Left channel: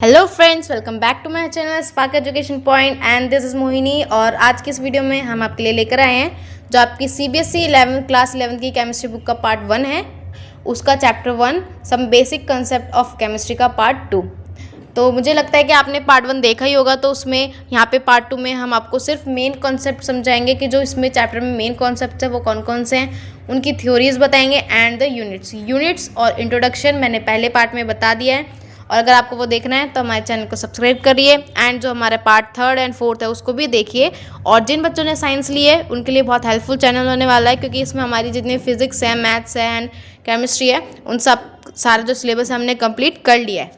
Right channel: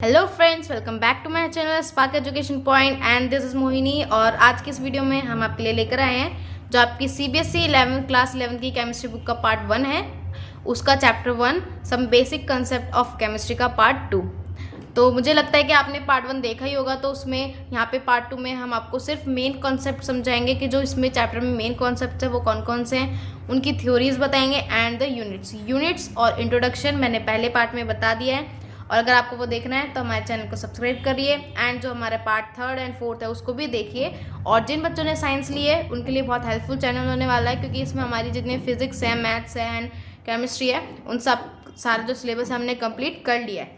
Hello friends, welcome back to my channel spark education point and this is Mohini. और आज की इस video में हम आपके लिए लेकर आए हैं जो आपकी सीबीएसई 11 क्लास 11 की केमिस्ट्री बुक का पार्ट 1 है, उसका chapter 1 some basic concept of chemistry का पार्ट 2। तो मुझे लगता है कि आपने पार्ट 1 देखा ही होगा, तो उसमें यहाँ पे पार्ट 2 में हम आपको सिर्फ मेन कॉन्सेप्ट समझाएंगे कि जो इसमें चैप्टर में मेन कॉन्सेप्ट है वो कौन कौन से हैं, उनकी थ्योरीज बताएंगे एंड द यूनिट्स और इंट्रोडक्शन मैंने पहले पार्ट में बता दिया है। और अगर आपको वो देखना है तो हमारे चैनल को सब्सक्राइब करिए एंड जो हमारा पार्ट 3 एंड 4 है उसको भी देखिए। और जिन बच्चों ने साइंस ली है उनके लिए बहुत हेल्पफुल चैनल होने वाला है, क्योंकि इसमें हमारी जितनी फिजिक्स है, मैथ्स है एंड केमिस्ट्री है, उन सब सारा जो सिलेबस हमने कंप्लीट कर लिया है।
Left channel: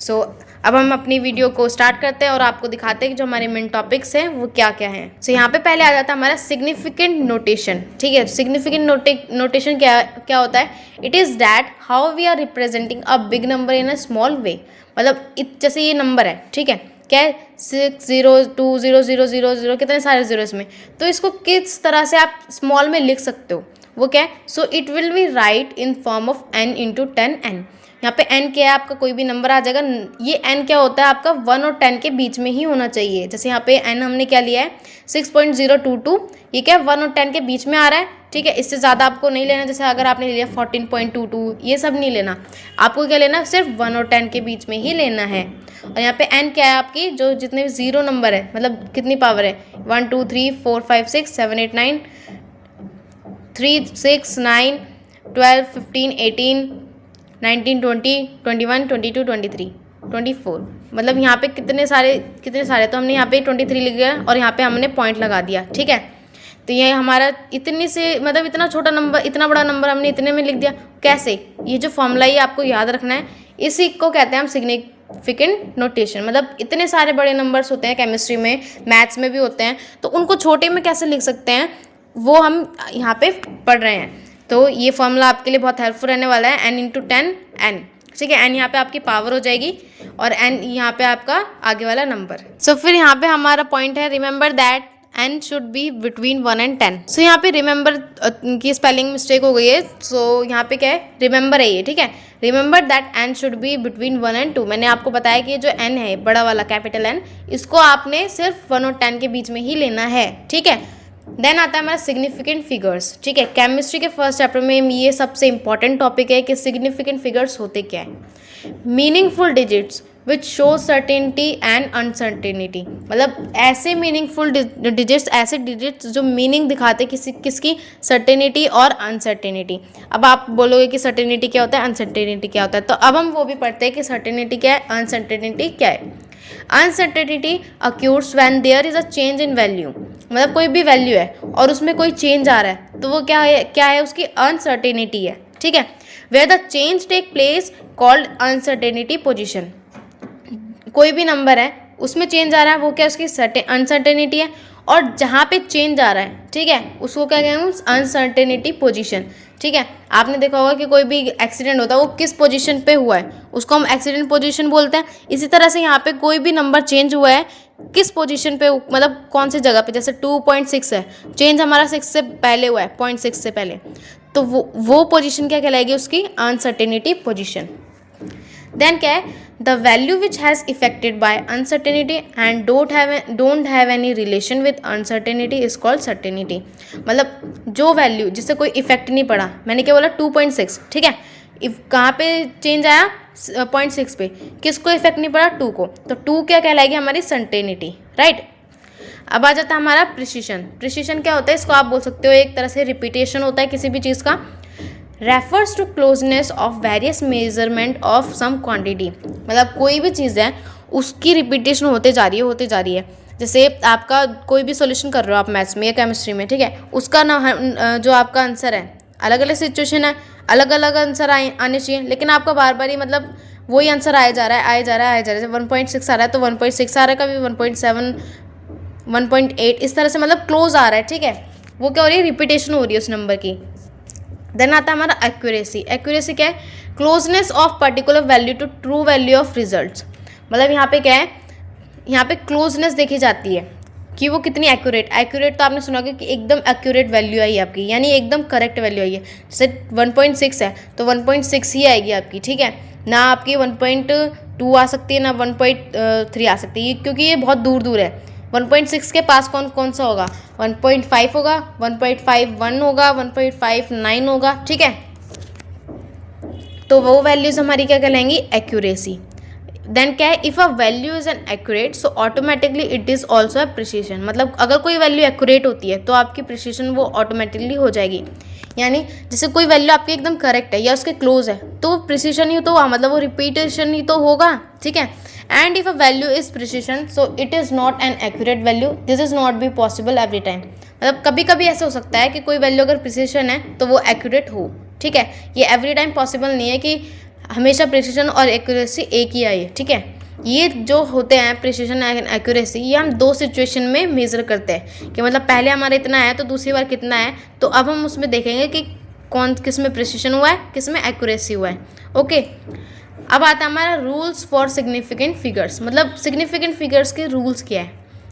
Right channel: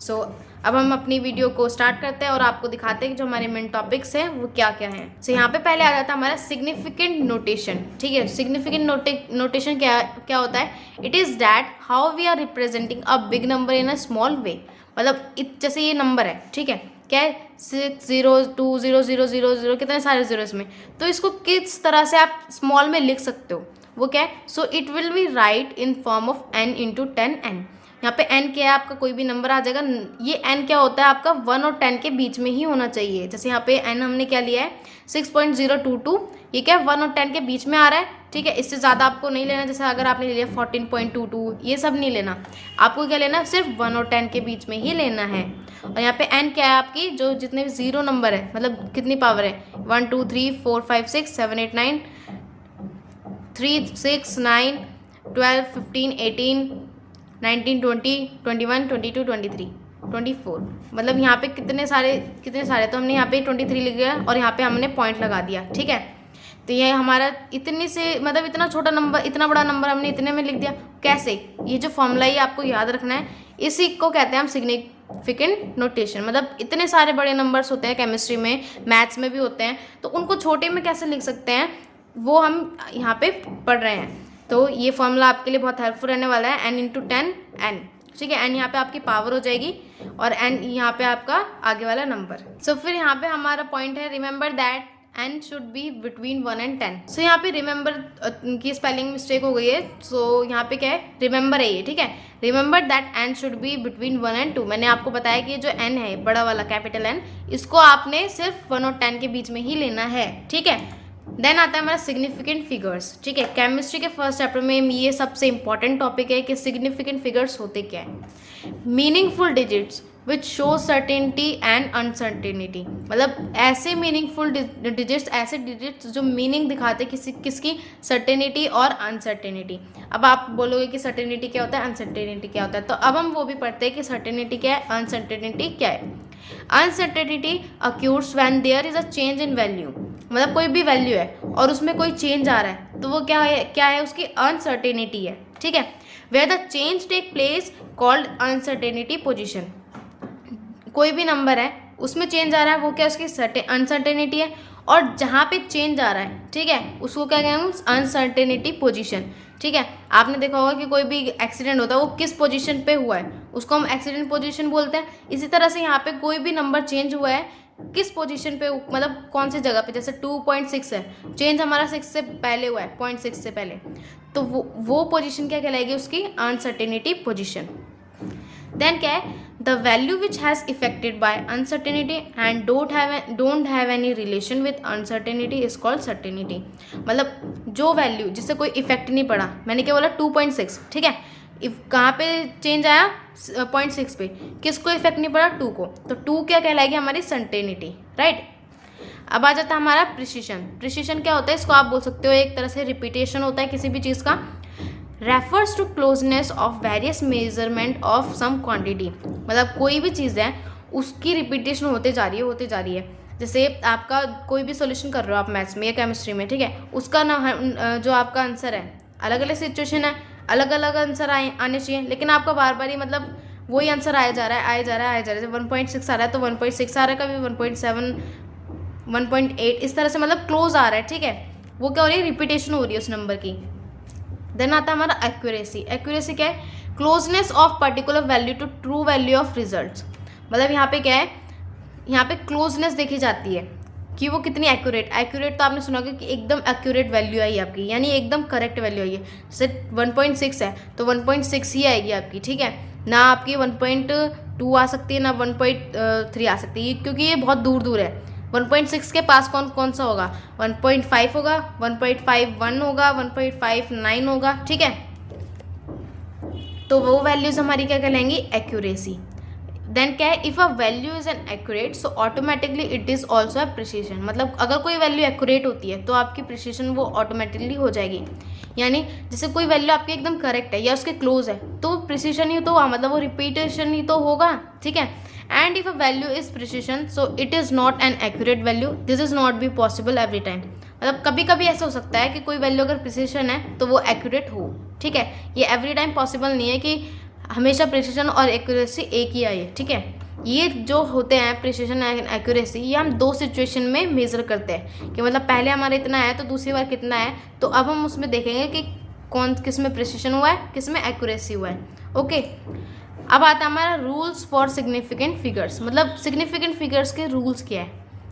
सो अब हम अपनी वीडियो को स्टार्ट करते हैं और आपको दिखाते हैं कि जो हमारे मेन टॉपिक्स हैं वो क्या क्या हैं। सो यहाँ पे पहले आ जाता है हमारा सिग्निफिकेंट नोटेशन। ठीक है, सिग्निफिकेंट नोटेशन क्या होता है? It is that how we are representing a big number in a small way. मतलब जैसे ये नंबर है, ठीक है, क्या है 6 0 2 0 0 0 0, कितने सारे जीरो इसमें, तो इसको किस तरह से आप स्मॉल में लिख सकते हो, वो क्या है? So it will be right in form of n into 10n। यहाँ पे n क्या है? आपका कोई भी नंबर आ जाएगा। ये n क्या होता है? आपका 1 और 10 के बीच में ही होना चाहिए। जैसे यहाँ पे n हमने क्या लिया है 6.022, ये क्या है 1 और 10 के बीच में आ रहा है। ठीक है, इससे ज़्यादा आपको नहीं लेना। जैसे अगर आपने लिया 14.22, ये सब नहीं लेना, आपको क्या लेना? सिर्फ 1 और 10 के बीच में ही लेना है। और यहाँ पे n क्या है? आपकी जो जितने भी ज़ीरो नंबर है, मतलब कितनी पावर है, 1 2 3 4 5 6 7 8 9 3 6 9 12 15 18 19 20 21 22 23 24, मतलब यहाँ पे कितने सारे तो हमने यहाँ पे 23 लिख दिया और यहाँ पे हमने पॉइंट लगा दिया। ठीक है, तो ये हमारा इतनी से मतलब इतना छोटा नंबर, इतना बड़ा नंबर हमने इतने में लिख दिया। कैसे? ये जो फॉर्मूला ये आपको याद रखना है, इसी को कहते हैं हम सिग्निफिकेंट नोटेशन। मतलब इतने सारे बड़े नंबर्स होते हैं केमिस्ट्री में, मैथ्स में भी होते हैं, तो उनको छोटे में कैसे लिख सकते हैं वो हम यहाँ पे पढ़ रहे हैं। तो ये फॉर्मूला आपके लिए बहुत हेल्पफुल रहने वाला है, n इंटू 10n। ठीक है, n यहाँ पे आपकी पावर हो जाएगी और n यहाँ पे आपका आगे वाला नंबर। सो फिर यहाँ पे हमारा पॉइंट है remember that n should be between 1 and 10। सो यहाँ पे रिमेंबर की स्पेलिंग मिस्टेक हो गई है। सो यहाँ पे क्या है? रिमेंबर है ये। ठीक है, remember that n should be between 1 and 2। मैंने आपको बताया कि जो n है, बड़ा वाला कैपिटल N, इसको आपने सिर्फ 1 और 10 के बीच में ही लेना है। ठीक है, देन आता है हमारा सिग्निफिकेंट फिगर्स। ठीक है, केमिस्ट्री के फर्स्ट चैप्टर में ये सबसे इंपॉर्टेंट टॉपिक है कि सिग्निफिकेंट फिगर्स होते क्या है। Meaningful digits which show certainty and uncertainty. मतलब ऐसे मीनिंगफुल डिजिट्स, ऐसे डिजिट्स जो मीनिंग दिखाते किसकी? सर्टेनिटी और अनसर्टेनिटी। अब आप बोलोगे कि सर्टेनिटी क्या होता है, अनसर्टेनिटी क्या होता है, तो अब हम वो भी पढ़ते हैं कि सर्टेनिटी क्या है, अनसर्टेनिटी क्या है। Uncertainty occurs when there is a change in value. मतलब कोई भी वैल्यू है और उसमें कोई चेंज आ रहा है, तो वो क्या है उसकी अनसर्टेनिटी है। ठीक है, where the change take place called uncertainty position. कोई भी नंबर है उसमें चेंज आ रहा है, वो क्या उसकी अनसर्टेनिटी है। और जहाँ पे चेंज आ रहा है, ठीक है, उसको क्या कहते हैं? Uncertainty position. ठीक है, आपने देखा होगा कि कोई भी एक्सीडेंट होता है वो किस पोजीशन पे हुआ है, उसको हम एक्सीडेंट पोजीशन बोलते हैं। इसी तरह से यहाँ पे कोई भी नंबर चेंज हुआ है किस पोजीशन पे, मतलब कौन सी जगह पे। जैसे 2.6 है, चेंज हमारा 6 से पहले हुआ है, 0.6 से पहले, तो वो पोजीशन क्या कहलाएगी? उसकी अनसर्टेनिटी पोजीशन। देन क्या है? The value which has affected by uncertainty and don't have any relation with uncertainty is called certainty. मतलब जो वैल्यू जिससे कोई इफेक्ट नहीं पड़ा, मैंने क्या बोला? 2.6। ठीक है, कहाँ पे चेंज आया? 0.6 पे। किसको इफेक्ट नहीं पड़ा? 2 को। तो 2 क्या कहलाएगी? हमारी सर्टेनिटी। राइट, अब आ जाता है हमारा प्रिसिशन। प्रिसिशन क्या होता है? इसको आप बोल सकते हो एक तरह से रिपीटेशन होता है किसी भी चीज़ का। Refers to closeness of various measurement of some quantity. मतलब कोई भी चीज़ है उसकी रिपीटेशन होते जा रही है। जैसे आपका कोई भी सॉल्यूशन कर रहे हो आप मैथ्स में या केमिस्ट्री में, ठीक है, उसका ना जो आपका आंसर है, अलग अलग सिचुएशन है, अलग अलग आंसर आने चाहिए, लेकिन आपका बार बार ही मतलब वही आंसर आया जा रहा है। जैसे 1.6 आ रहा है तो 1.6 आ रहा है, कभी 1.7 1.8, इस तरह से मतलब क्लोज आ रहा है। ठीक है, वो क्या हो रही है? रिपीटेशन हो रही है उस नंबर की। देन आता है हमारा एक्यूरेसी। एक्यूरेसी क्या है? Closeness of particular value to true value of results. मतलब यहाँ पे क्या है? यहाँ पे क्लोजनेस देखी जाती है कि वो कितनी एक्यूरेट तो आपने सुना होगा कि एकदम एक्यूरेट वैल्यू आई आपकी, यानी एकदम करेक्ट वैल्यू आई है। जैसे 1.6 है तो 1.6 ही आएगी आपकी। ठीक है, ना आपकी 1.2 आ सकती है ना 1.3 आ सकती है, क्योंकि ये बहुत दूर दूर है। 1.6 के पास कौन कौन सा होगा, 1.5 होगा, 1.51 होगा, 1.59 होगा, ठीक है। तो वो वैल्यूज़ हमारी क्या कहलाएंगी, एक्यूरेसी। देन क्या है, if a value is an accurate so automatically it is also a precision. मतलब अगर कोई वैल्यू एक्यूरेट होती है तो आपकी प्रिसीशन वो ऑटोमेटिकली हो जाएगी। यानी जैसे कोई वैल्यू आपकी एकदम करेक्ट है या उसके क्लोज है तो प्रिसीशन ही तो हुआ, मतलब वो रिपीटेशन ही तो होगा, ठीक है। And if a value is precision so it is not an accurate value, this is not be possible every time. मतलब कभी कभी ऐसा हो सकता है कि कोई वैल्यू अगर प्रिसीशन है तो वो एक्यूरेट हो, ठीक है। ये एवरी टाइम पॉसिबल नहीं है कि हमेशा प्रिसीशन और एक्यूरेसी एक ही आई है, ठीक है। ये जो होते हैं प्रिसीशन एंड एक्यूरेसी, ये हम दो सिचुएशन में मेज़र करते हैं कि मतलब पहले हमारा इतना है तो दूसरी बार कितना है। तो अब हम उसमें देखेंगे कि कौन किस में प्रिसीशन हुआ है, किस में एक्यूरेसी हुआ है, ओके। अब आता है हमारा रूल्स फॉर सिग्निफिकेंट फिगर्स। मतलब सिग्निफिकेंट फिगर्स के रूल्स क्या है।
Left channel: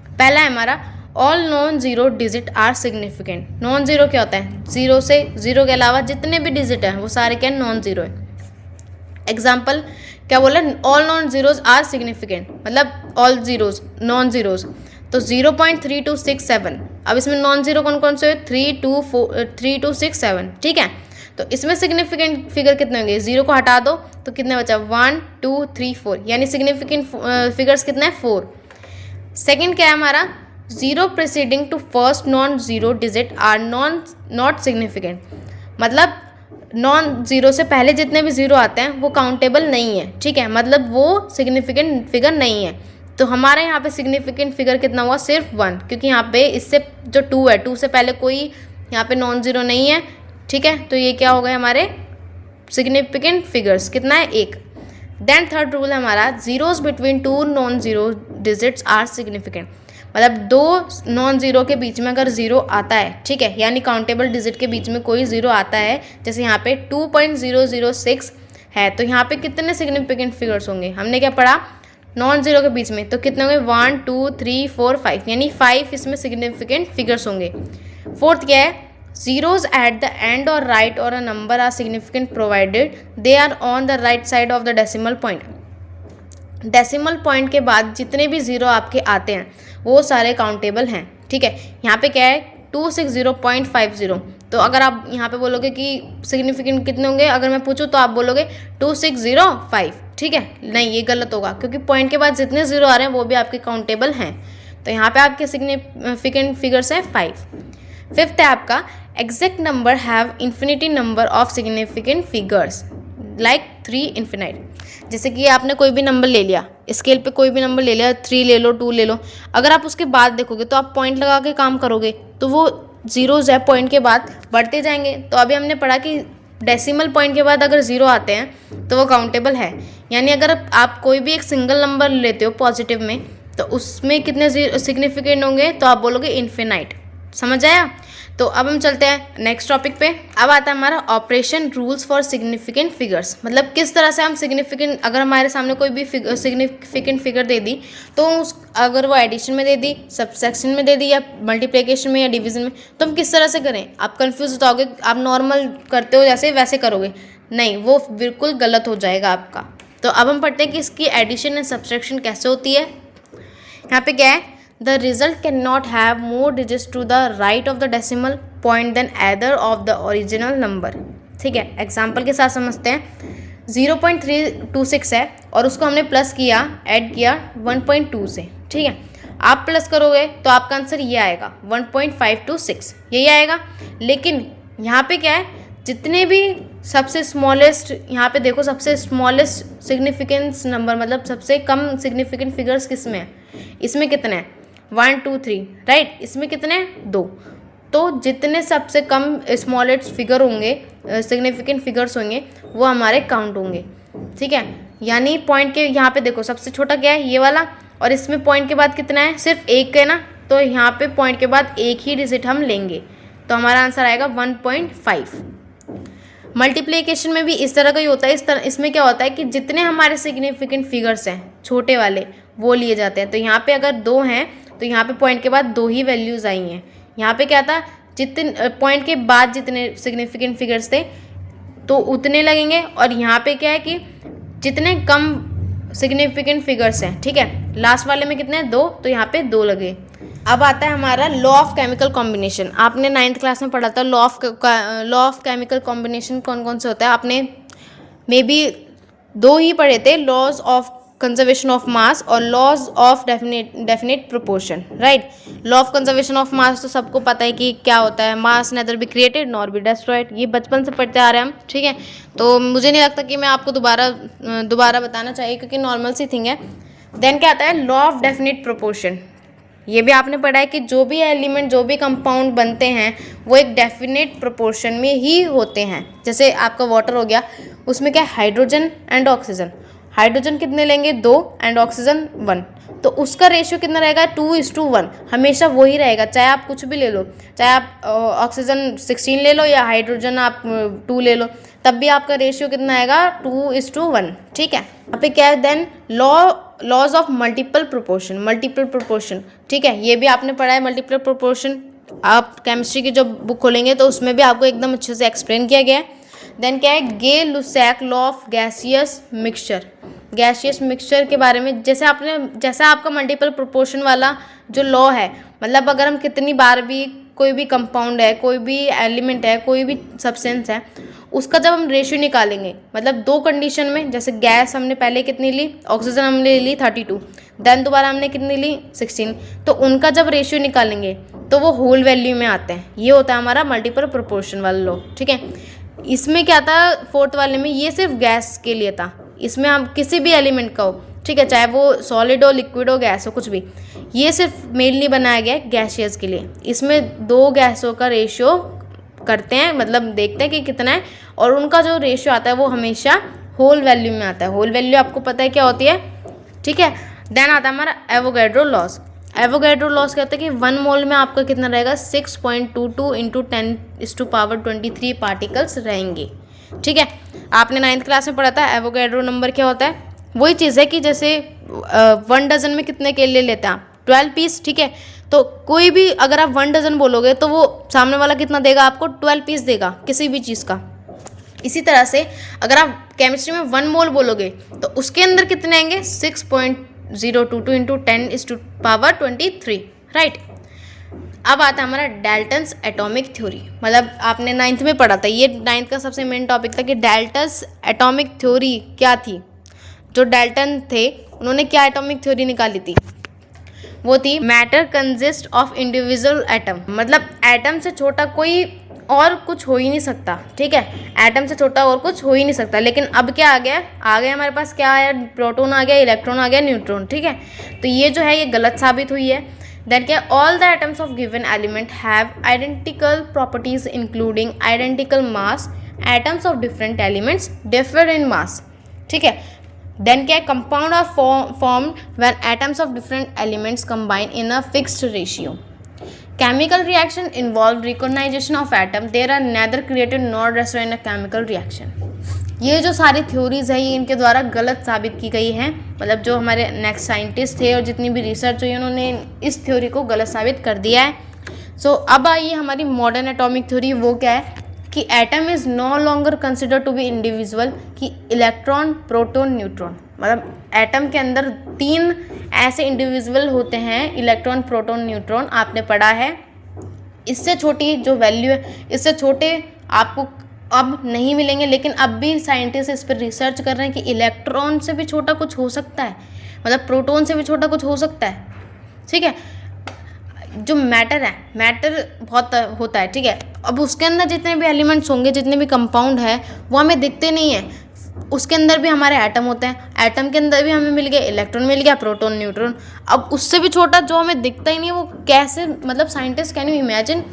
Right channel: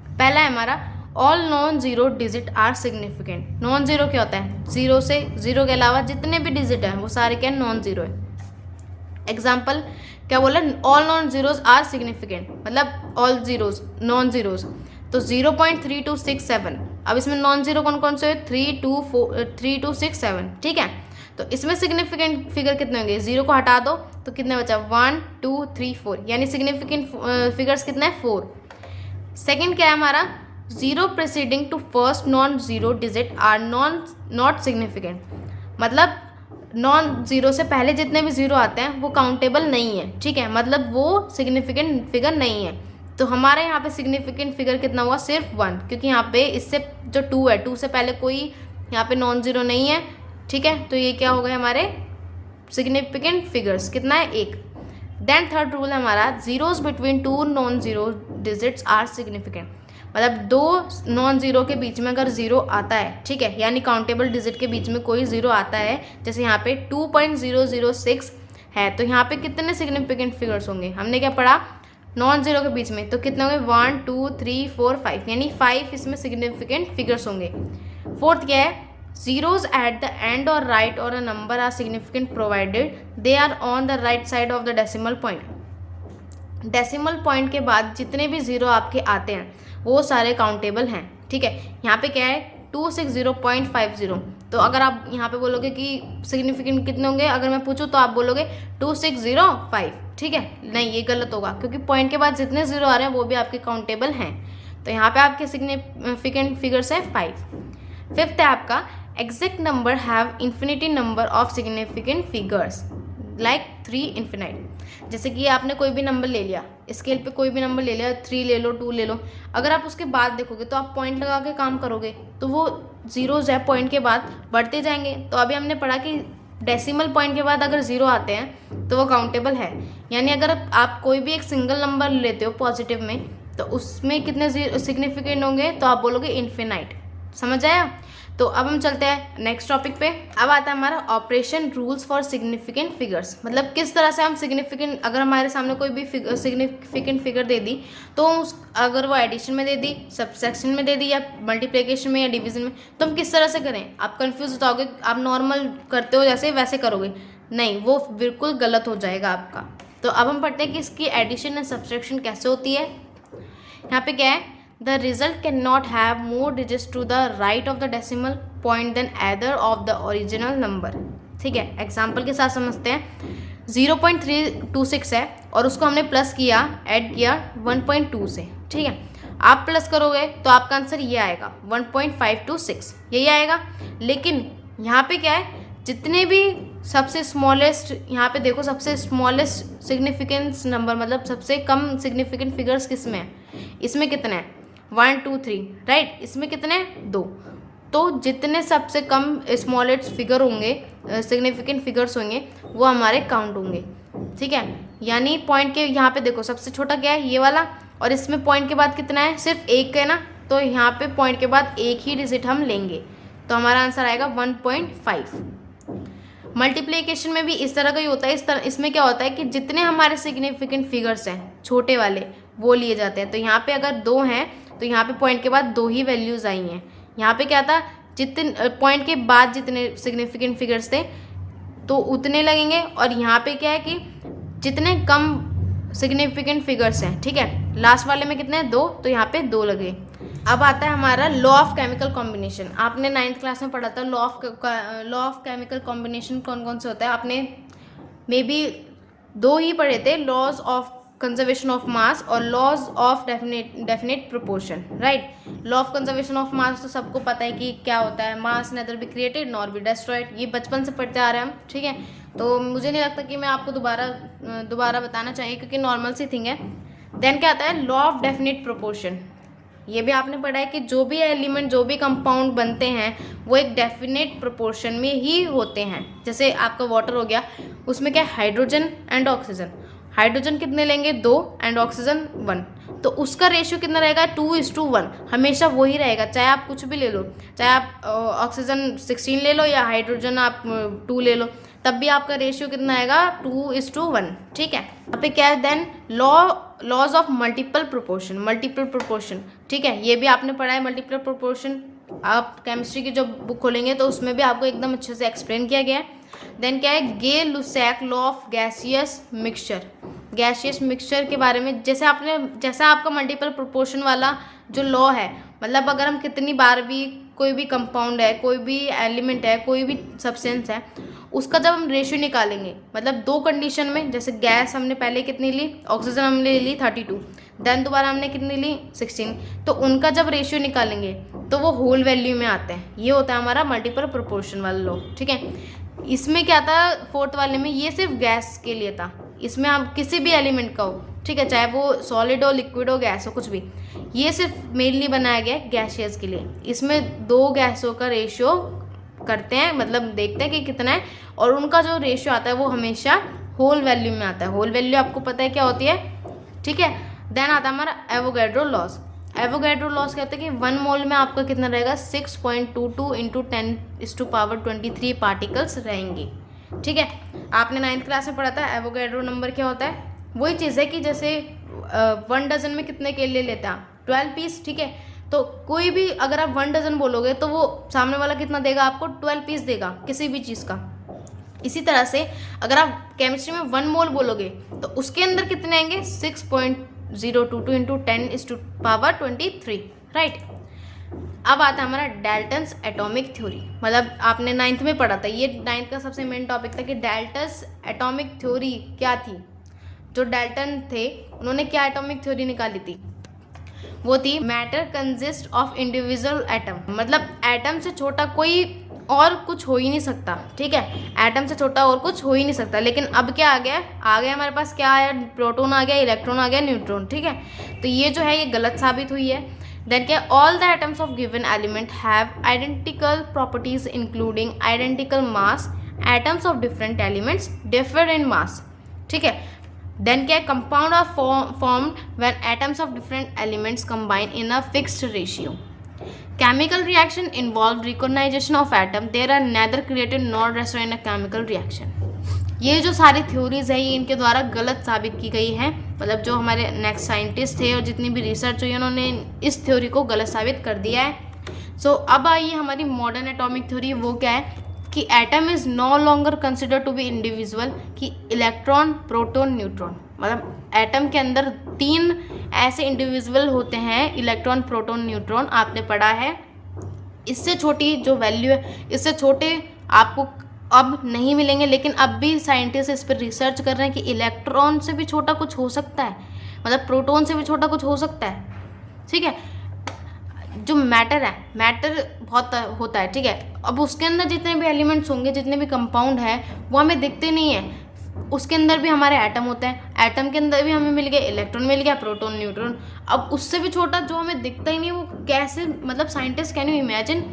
पहला है हमारा all non zero digit are significant. Non zero क्या होता है, ज़ीरो से ज़ीरो के अलावा जितने भी डिजिट हैं वो सारे क्या नॉन ज़ीरो है। एग्जाम्पल क्या बोला, all non zeros are significant, मतलब ऑल जीरोज नॉन जीरोज। तो 0.3267, अब इसमें नॉन जीरो कौन कौन से, 3, 2, 4, 3, 2, 6, 7, ठीक है। तो इसमें सिग्निफिकेंट फिगर कितने होंगे, जीरो को हटा दो तो कितने बचा, 1, 2, 3, 4, यानी सिग्निफिकेंट फिगर्स कितने हैं, 4। सेकेंड क्या है हमारा, zero preceding to first non zero digit are not significant. मतलब नॉन ज़ीरो से पहले जितने भी ज़ीरो आते हैं वो काउंटेबल नहीं है, ठीक है। मतलब वो सिग्निफिकेंट फिगर नहीं है। तो हमारे यहाँ पे सिग्निफिकेंट फिगर कितना हुआ, सिर्फ 1, क्योंकि यहाँ पे इससे जो 2 है 2 से पहले कोई यहाँ पे नॉन ज़ीरो नहीं है, ठीक है। तो ये क्या हो गए हमारे सिग्निफिकेंट फिगर्स, कितना है, 1। देन थर्ड रूल है हमारा, zeros between 2 non zero digits are significant. मतलब दो नॉन ज़ीरो के बीच में अगर ज़ीरो आता है, ठीक है, यानी काउंटेबल डिजिट के बीच में कोई ज़ीरो आता है, जैसे यहाँ पे 2.006 है, तो यहाँ पे कितने सिग्निफिकेंट फिगर्स होंगे, हमने क्या पढ़ा, नॉन ज़ीरो के बीच में तो कितने होंगे, 1, 2, 3, 4, 5, यानी 5 इसमें सिग्निफिकेंट फिगर्स होंगे। फोर्थ क्या है, zeros at the end or right or a number are significant provided they are on the right side of the decimal point। Decimal point के बाद जितने भी ज़ीरो आपके आते हैं वो सारे काउंटेबल हैं, ठीक है। यहाँ पे क्या है 260.50, तो अगर आप यहाँ पे बोलोगे कि सिग्निफिकेंट कितने होंगे, अगर मैं पूछूँ तो आप बोलोगे 2605, ठीक है। नहीं, ये गलत होगा क्योंकि पॉइंट के बाद जितने ज़ीरो आ रहे हैं वो भी आपके काउंटेबल हैं। तो यहाँ पे आपके सिग्निफिकेंट फिगर्स है 5। फिफ्थ है आपका, exact number have infinity number of significant figures like 3 infinite. जैसे कि आपने कोई भी नंबर ले लिया, स्केल पे कोई भी नंबर ले लिया, 3 ले लो, 2 ले लो, अगर आप उसके बाद देखोगे तो आप पॉइंट लगा के काम करोगे तो वो जीरोज है पॉइंट के बाद बढ़ते जाएंगे। तो अभी हमने पढ़ा कि डेसिमल पॉइंट के बाद अगर ज़ीरो आते हैं तो वो काउंटेबल है। यानी अगर आप कोई भी एक सिंगल नंबर लेते हो पॉजिटिव में तो उसमें कितने सिग्निफिकेंट होंगे, तो आप बोलोगे इन्फिनाइट। समझ आया। तो अब हम चलते हैं नेक्स्ट टॉपिक पे। अब आता है हमारा operation rules for significant figures. मतलब किस तरह से हम सिग्निफिकेंट, अगर हमारे सामने कोई भी सिग्निफिकेंट फिगर दे दी तो अगर वो एडिशन में दे दी, सब्सट्रैक्शन में दे दी, या मल्टीप्लिकेशन में या डिवीजन में, तो हम किस तरह से करें। आप कंफ्यूज हो जाओगे, आप नॉर्मल करते हो जैसे वैसे करोगे, नहीं, वो बिल्कुल गलत हो जाएगा आपका। तो अब हम पढ़ते हैं कि इसकी एडिशन एंड सब्सट्रैक्शन कैसे होती है। यहाँ पे क्या है, The result cannot have more digits to the right of the decimal point than either of the original number। ठीक है, एग्जाम्पल के साथ समझते हैं। 0.326 है और उसको हमने प्लस किया, ऐड किया 1.2 से, ठीक है। आप प्लस करोगे तो आपका आंसर ये आएगा 1.526, यही आएगा। लेकिन यहाँ पे क्या है, जितने भी सबसे स्मॉलेस्ट, यहाँ पे देखो सबसे स्मॉलेस्ट सिग्निफिकेंस नंबर, मतलब सबसे कम सिग्निफिकेंट फिगर्स किस में है, इसमें कितने हैं, 1, 2, 3, राइट। इसमें कितने, 2। तो जितने सबसे कम स्मॉलेस्ट फिगर होंगे, सिग्निफिकेंट फिगर्स होंगे, वो हमारे काउंट होंगे, ठीक है। यानी पॉइंट के यहाँ पे देखो सबसे छोटा क्या है, ये वाला, और इसमें पॉइंट के बाद कितना है, सिर्फ 1 है ना, तो यहाँ पे पॉइंट के बाद एक ही डिजिट हम लेंगे, तो हमारा आंसर आएगा 1.5। मल्टीप्लिकेशन में भी इस तरह का ही होता है। इसमें क्या होता है कि जितने हमारे सिग्निफिकेंट फिगर्स हैं छोटे वाले वो लिए जाते हैं। तो यहाँ पे अगर 2 हैं तो यहाँ पे पॉइंट के बाद 2 ही वैल्यूज़ आई हैं। यहाँ पे क्या था, जितने पॉइंट के बाद जितने सिग्निफिकेंट फिगर्स थे तो उतने लगेंगे, और यहाँ पे क्या है कि जितने कम सिग्निफिकेंट फिगर्स हैं, ठीक है। लास्ट वाले में कितने हैं? 2, तो यहाँ पे 2 लगे। अब आता है हमारा लॉ ऑफ केमिकल कॉम्बिनेशन। आपने 9th क्लास में पढ़ा था लॉ ऑफ केमिकल कॉम्बिनेशन कौन कौन से होता है। आपने मे बी 2 ही पढ़े थे, laws of conservation of mass और laws of definite proportion, right. Law of conservation of mass तो सबको पता है कि क्या होता है, mass neither be created nor be destroyed, ये बचपन से पढ़ते आ रहे हैं हम, ठीक है। तो मुझे नहीं लगता कि मैं आपको दोबारा बताना चाहिए, क्योंकि नॉर्मल सी थिंग है। देन क्या आता है? Law of definite proportion. ये भी आपने पढ़ा है कि जो भी एलिमेंट, जो भी कंपाउंड बनते हैं वो एक डेफिनेट प्रोपोर्शन में ही होते हैं। जैसे आपका वाटर हो गया, उसमें क्या है? Hydrogen and oxygen. हाइड्रोजन कितने लेंगे? 2 एंड ऑक्सीजन 1, तो उसका रेशियो कितना रहेगा? 2:1, हमेशा वही रहेगा, चाहे आप कुछ भी ले लो, चाहे आप ऑक्सीजन 16 ले लो या हाइड्रोजन आप 2 ले लो, तब भी आपका रेशियो कितना आएगा? 2:1, ठीक है। यहाँ पे क्या है? Then laws of multiple proportion, ठीक है। ये भी आपने पढ़ा है मल्टीपल प्रोपोर्शन। आप केमिस्ट्री की जो बुक खोलेंगे तो उसमें भी आपको एकदम अच्छे से एक्सप्लेन किया गया है। देन क्या है? गे-लुसैक लॉ ऑफ गैसियस मिक्सचर के बारे में, जैसे आपका मल्टीपल प्रोपोर्शन वाला जो लॉ है, मतलब अगर हम कितनी बार भी कोई भी कंपाउंड है, कोई भी एलिमेंट है, कोई भी सब्सटेंस है, उसका जब हम रेशियो निकालेंगे, मतलब 2 कंडीशन में, जैसे गैस हमने पहले कितनी ली, ऑक्सीजन हमने ली 32, देन दोबारा हमने कितनी ली 16, तो उनका जब रेशियो निकालेंगे तो वो होल वैल्यू में आते हैं। ये होता है हमारा मल्टीपल प्रोपोर्शन वाला लॉ, ठीक है। इसमें क्या था 4th वाले में? ये सिर्फ गैस के लिए था। इसमें हम किसी भी एलिमेंट का हो, ठीक है, चाहे वो सॉलिड हो, लिक्विड हो, गैस हो, कुछ भी, ये सिर्फ मेनली बनाया गया है गैसियस के लिए। इसमें 2 गैसों का रेशियो करते हैं, मतलब देखते हैं कि कितना है, और उनका जो रेशियो आता है वो हमेशा होल वैल्यू में आता है। होल वैल्यू आपको पता है क्या होती है, ठीक है। देन आता है हमारा एवोगैड्रो लॉस। एवोगैड्रो लॉस कहते हैं कि 1 मोल में आपका कितना रहेगा? 6.22 × 10⁻23 पार्टिकल्स रहेंगे, ठीक है। आपने 9th क्लास में पढ़ा था एवोगैड्रो नंबर क्या होता है। वही चीज़ है कि जैसे 1 डजन में कितने केले लेते हैं आप? 12 पीस, ठीक है। तो कोई भी अगर आप 1 डजन बोलोगे तो वो सामने वाला कितना देगा आपको? 12 पीस देगा किसी भी चीज़ का। इसी तरह से अगर आप केमिस्ट्री में 1 मोल बोलोगे तो उसके अंदर कितने आएंगे? 6.022 × 10⁻23, राइट। अब आता है हमारा डाल्टन्स एटॉमिक थ्योरी। मतलब आपने 9th में पढ़ा था, ये 9th का सबसे मेन टॉपिक था कि डाल्टन्स एटॉमिक थ्योरी क्या थी। जो डाल्टन थे उन्होंने क्या एटॉमिक थ्योरी निकाली थी? वो थी matter consist of individual atom. मतलब एटम से छोटा कोई और कुछ हो ही नहीं सकता, ठीक है। एटम से छोटा और कुछ हो ही नहीं सकता। लेकिन अब क्या आ गया हमारे पास? क्या आया? प्रोटॉन आ गया, इलेक्ट्रॉन आ गया, न्यूट्रॉन, ठीक है। तो ये जो है ये गलत साबित हुई है। देन क्या? All the atoms of given element have identical properties including identical mass. Atoms of different elements differ in mass, ठीक है। देन क्या? Compound are formed when atoms of different elements combine in a fixed ratio. Chemical reaction involve recognition of atom. They are neither created nor destroyed in a chemical reaction. ये जो सारी theories है ये इनके द्वारा गलत साबित की गई है। मतलब जो हमारे नेक्स्ट साइंटिस्ट थे और जितनी भी रिसर्च हुई उन्होंने इस थ्योरी को गलत साबित कर दिया है। सो अब आइए हमारी मॉडर्न एटॉमिक थ्योरी। वो क्या है कि atom is no longer consider to be individual, कि इलेक्ट्रॉन, प्रोटॉन, न्यूट्रॉन, मतलब एटम के अंदर 3 ऐसे इंडिविजुअल होते हैं, इलेक्ट्रॉन, प्रोटॉन, न्यूट्रॉन, आपने पढ़ा है। इससे छोटी जो वैल्यू है, इससे छोटे आपको अब नहीं मिलेंगे। लेकिन अब भी साइंटिस्ट इस पर रिसर्च कर रहे हैं कि इलेक्ट्रॉन से भी छोटा कुछ हो सकता है, मतलब प्रोटॉन से भी छोटा कुछ हो सकता है, ठीक है। जो मैटर है, मैटर बहुत होता है, ठीक है। अब उसके अंदर जितने भी एलिमेंट्स होंगे, जितने भी कंपाउंड है, वो हमें दिखते नहीं है। उसके अंदर भी हमारे एटम होते हैं, एटम के अंदर भी हमें मिल गया इलेक्ट्रॉन, मिल गया प्रोटॉन, न्यूट्रॉन। अब उससे भी छोटा जो हमें दिखता ही नहीं है वो कैसे, मतलब साइंटिस्ट कैन यू इमेजिन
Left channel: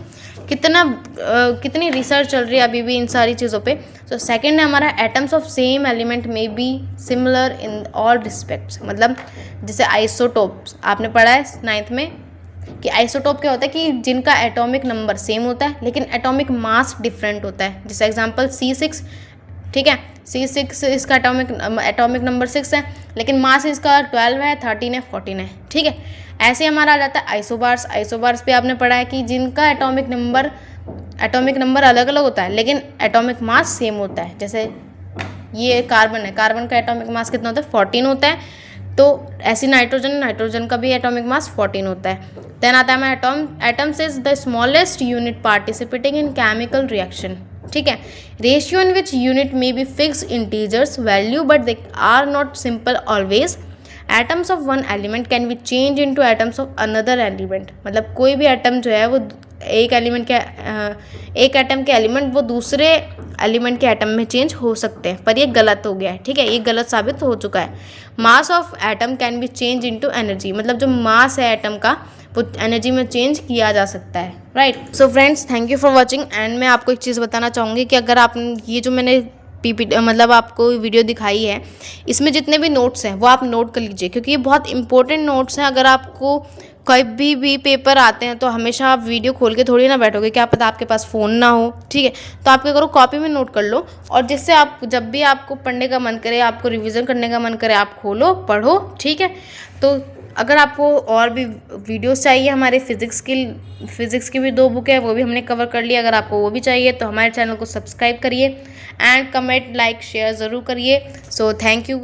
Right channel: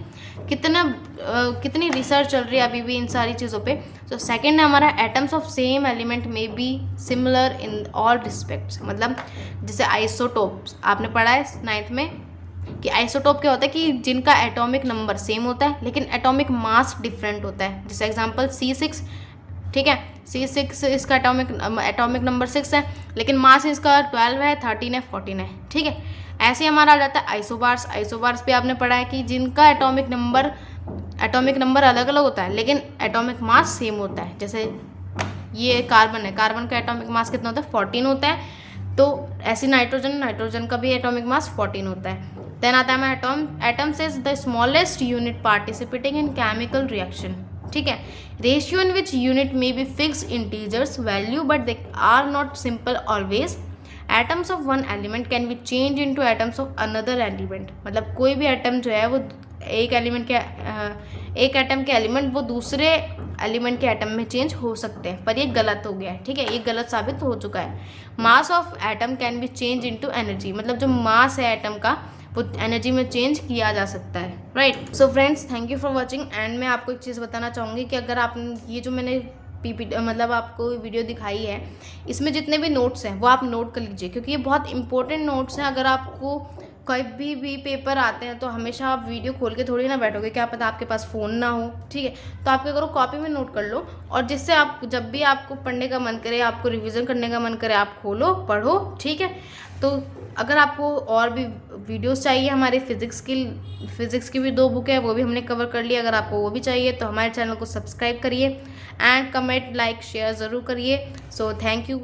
कितनी रिसर्च चल रही है अभी भी इन सारी चीज़ों पे। तो सेकंड है हमारा atoms of same element may be similar in all respects. मतलब जैसे आइसोटोप्स आपने पढ़ा है 9th में कि आइसोटोप क्या होता है कि जिनका एटॉमिक नंबर सेम होता है लेकिन एटॉमिक मास डिफरेंट होता है। जैसे एग्जांपल C6, ठीक है, C6 इसका एटॉमिक नंबर 6 है लेकिन मास इसका 12 है, 13 है, 14 है, ठीक है। ऐसे हमारा आ जाता है आइसोबार्स। आइसोबार्स पे आपने पढ़ा है कि जिनका एटॉमिक नंबर अलग अलग होता है लेकिन एटॉमिक मास सेम होता है। जैसे ये कार्बन है, कार्बन का एटॉमिक मास कितना होता है 14 होता है। तो ऐसी नाइट्रोजन का भी एटॉमिक मास 14 होता है। देन आता है atoms is the smallest unit participating in chemical reaction, ठीक है। Ratio in which unit may be fix integers value but they are not simple always. Atoms of one element can be change into atoms of another element, मतलब कोई भी atom जो है वो एक atom के एलिमेंट वो दूसरे एलिमेंट के एटम में चेंज हो सकते हैं, पर ये गलत हो गया है, ठीक है, ये गलत साबित हो चुका है। Mass of atom can be change into energy, मतलब जो मास है एटम का वो एनर्जी में चेंज किया जा सकता है, right. So friends, thank you for watching. And मैं आपको एक चीज़ बताना चाहूँगी कि अगर आप ये जो मैंने मतलब आपको वीडियो दिखाई है, इसमें जितने भी नोट्स हैं वो आप नोट कर लीजिए, क्योंकि ये बहुत इंपॉर्टेंट नोट्स हैं। अगर आपको कभी भी पेपर आते हैं तो हमेशा आप वीडियो खोल के थोड़ी ना बैठोगे, क्या पता आपके पास फ़ोन ना हो, ठीक है। तो आप क्या करो, कॉपी में नोट कर लो, और जिससे आप जब भी आपको पढ़ने का मन करे, आपको रिवीजन करने का मन करे, आप खोलो, पढ़ो, ठीक है। तो अगर आपको और भी वीडियोस चाहिए, हमारे फिज़िक्स की भी 2 बुक है, वो भी हमने कवर कर लिया। अगर आपको वो भी चाहिए तो हमारे चैनल को सब्सक्राइब करिए एंड कमेंट, लाइक, शेयर ज़रूर करिए। So thank you.